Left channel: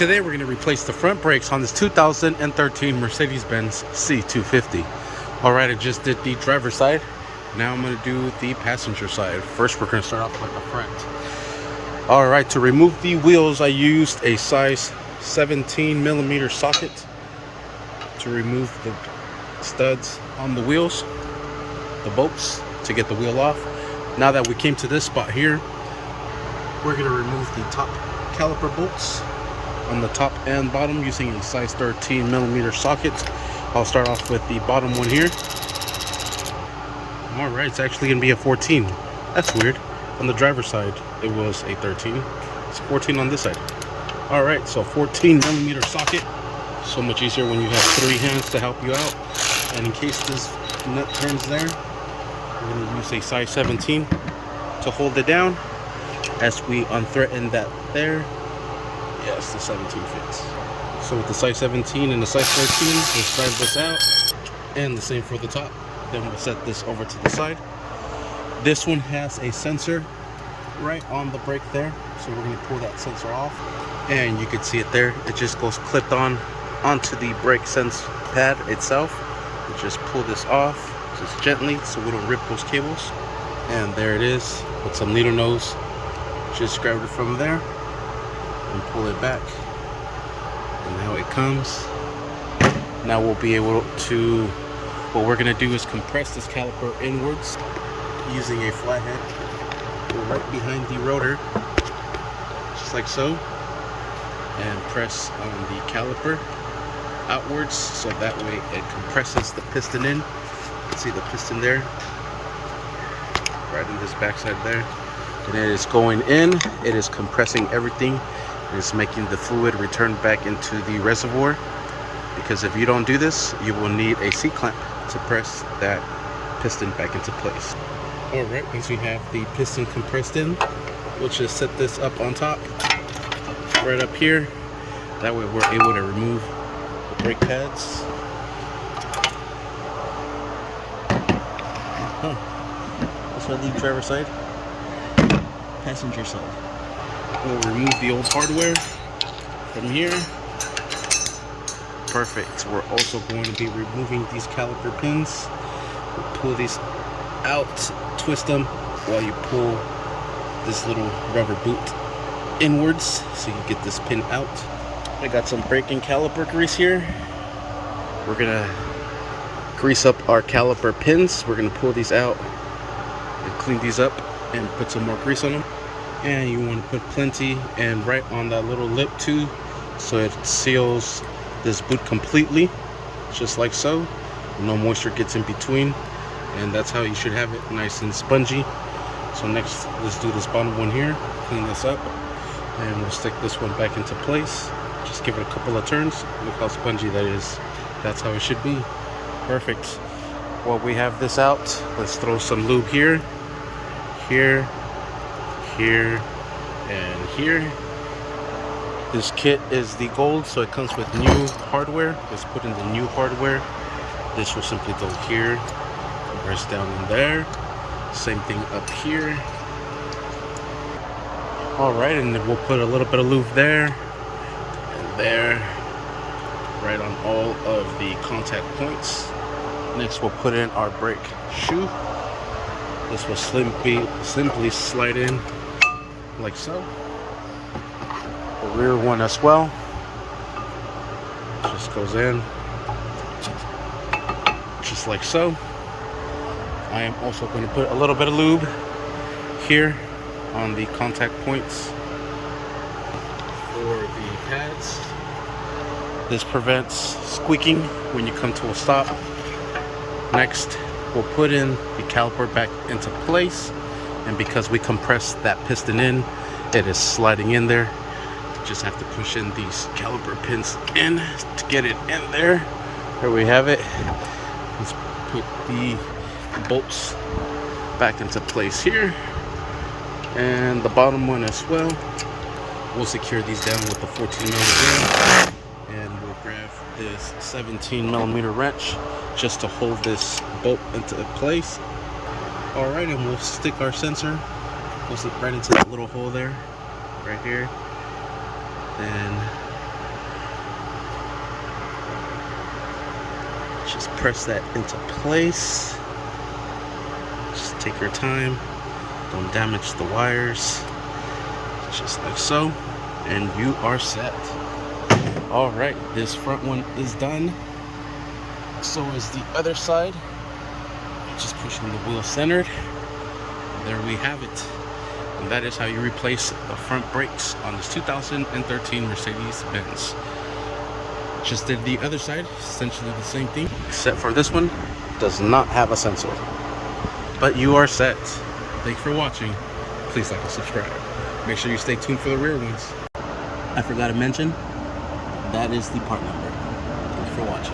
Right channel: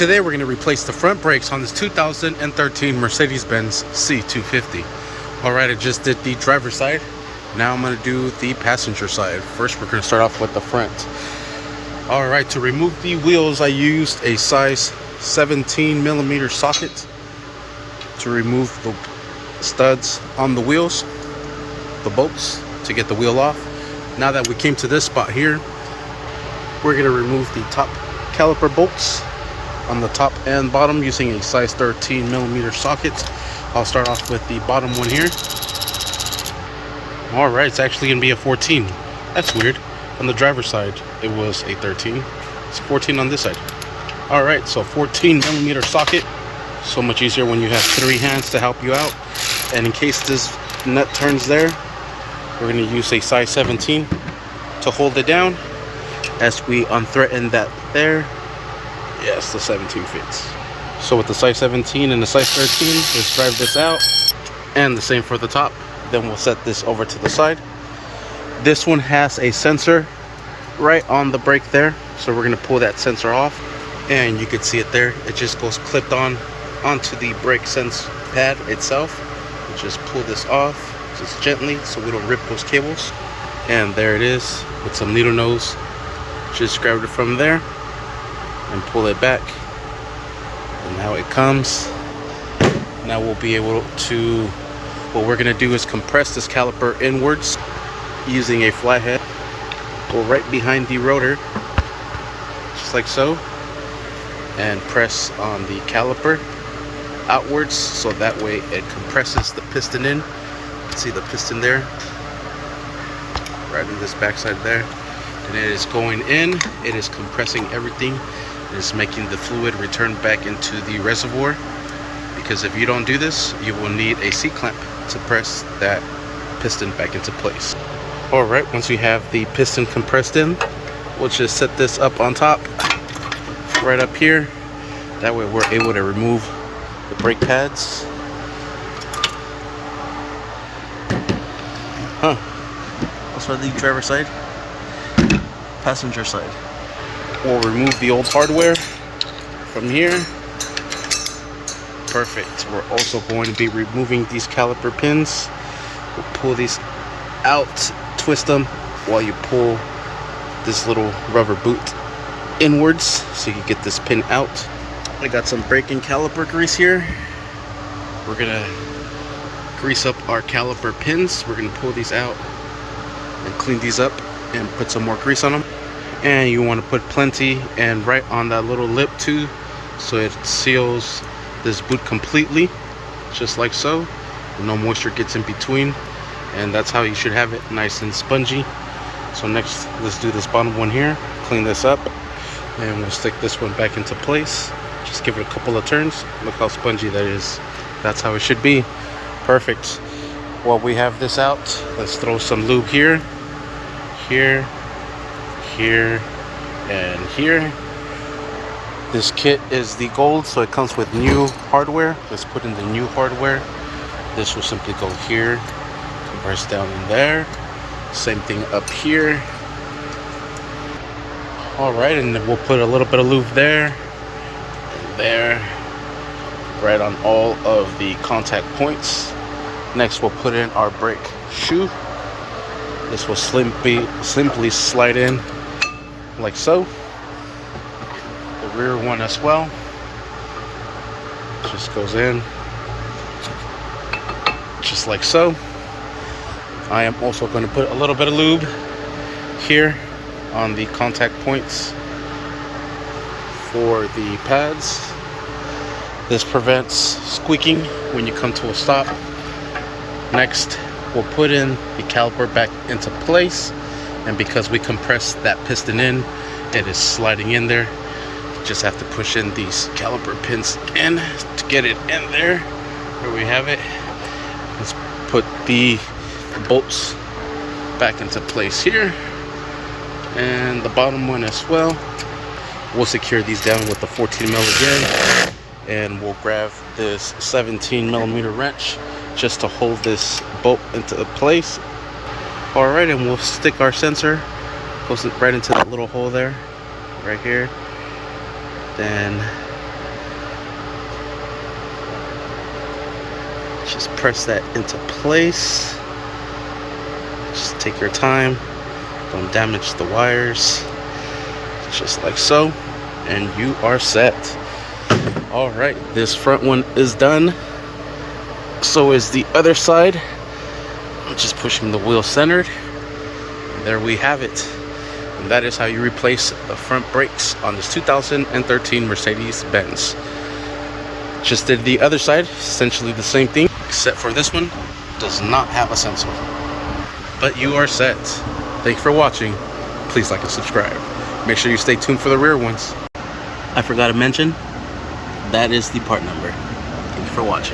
Today we're going to replace the front brakes on this 2013 Mercedes-Benz C250. Alright, I just did the driver's side. Now I'm going to do the passenger side. First we're going to start off with the front. Alright, to remove the wheels I used a size 17 millimeter socket to remove the studs on the wheels, the bolts, to get the wheel off. Now that we came to this spot here, we're going to remove the top caliper bolts on the top and bottom using a size 13 millimeter socket. I'll start off with the bottom one here. All right, it's actually gonna be a 14. That's weird. On the driver's side it was a 13. It's 14 on this side. All right, so 14 millimeter socket. So much easier when you have three hands to help you out. And in case this nut turns there, we're gonna use a size 17 to hold it down as we unthreaten that there. Yes, the 17 fits. So with the size 17 and the size 13, let's drive this out. And the same for the top. Then we'll set this over to the side. This one has a sensor right on the brake there. So we're gonna pull that sensor off. And you can see it there. It just goes clipped on onto the brake sense pad itself. We just pull this off, just gently, so we don't rip those cables. And there it is with some needle nose. Just grab it from there and pull it back, and now it comes. Now we'll be able to, what we're going to do is compress this caliper inwards using a flathead. Go right behind the rotor, just like so, and press on the caliper outwards, so that way it compresses the piston in. See the piston there, right in this backside there, and it is going in. It is compressing everything. Is making the fluid return back into the reservoir, because if you don't do this, you will need a C-clamp to press that piston back into place. All right, once we have the piston compressed in, we'll just set this up on top, right up here. That way we're able to remove the brake pads. Also the driver's side, passenger side. We'll remove the old hardware from here. Perfect. We're also going to be removing these caliper pins. We'll pull these out, twist them while you pull this little rubber boot inwards so you can get this pin out. I got some brake and caliper grease here. We're gonna grease up our caliper pins. We're gonna pull these out and clean these up and put some more grease on them. And you want to put plenty and right on that little lip too, so it seals this boot completely, just like so. No moisture gets in between, and that's how you should have it, nice and spongy. So next, let's do this bottom one here, clean this up, and we'll stick this one back into place. Just give it a couple of turns. Look how spongy that is. That's how it should be. Perfect. While we have this out, let's throw some lube here, here, and here. This kit is the gold, so it comes with new hardware. Let's put in the new hardware. This will simply go here, compress down in there. Same thing up here. All right, and then we'll put a little bit of lube there and there, right on all of the contact points. Next, we'll put in our brake shoe. This will simply slide in like so. The rear one as well just goes in just like so. I am also going to put a little bit of lube here on the contact points for the pads. This prevents squeaking when you come to a stop. Next, we'll put in the caliper back into place, and because we compressed that piston in, it is sliding in there. You just have to push in these caliper pins in to get it in there. There we have it. Let's put the bolts back into place here, and the bottom one as well. We'll secure these down with the 14 mil again, and we'll grab this 17 millimeter wrench just to hold this bolt into place. All right, and we'll stick our sensor, goes right into that little hole there, right here. Then Just press that into place. Just take your time. Don't damage the wires. Just like so. And you are set. Alright, this front one is done. So is the other side. I'm just pushing the wheel centered. And there we have it. And that is how you replace the front brakes on this 2013 Mercedes-Benz. Just did the other side, essentially the same thing, except for this one does not have a sensor. But you are set. Thanks for watching. Please like and subscribe. Make sure you stay tuned for the rear ones. I forgot to mention, that is the part number. Thank you for watching.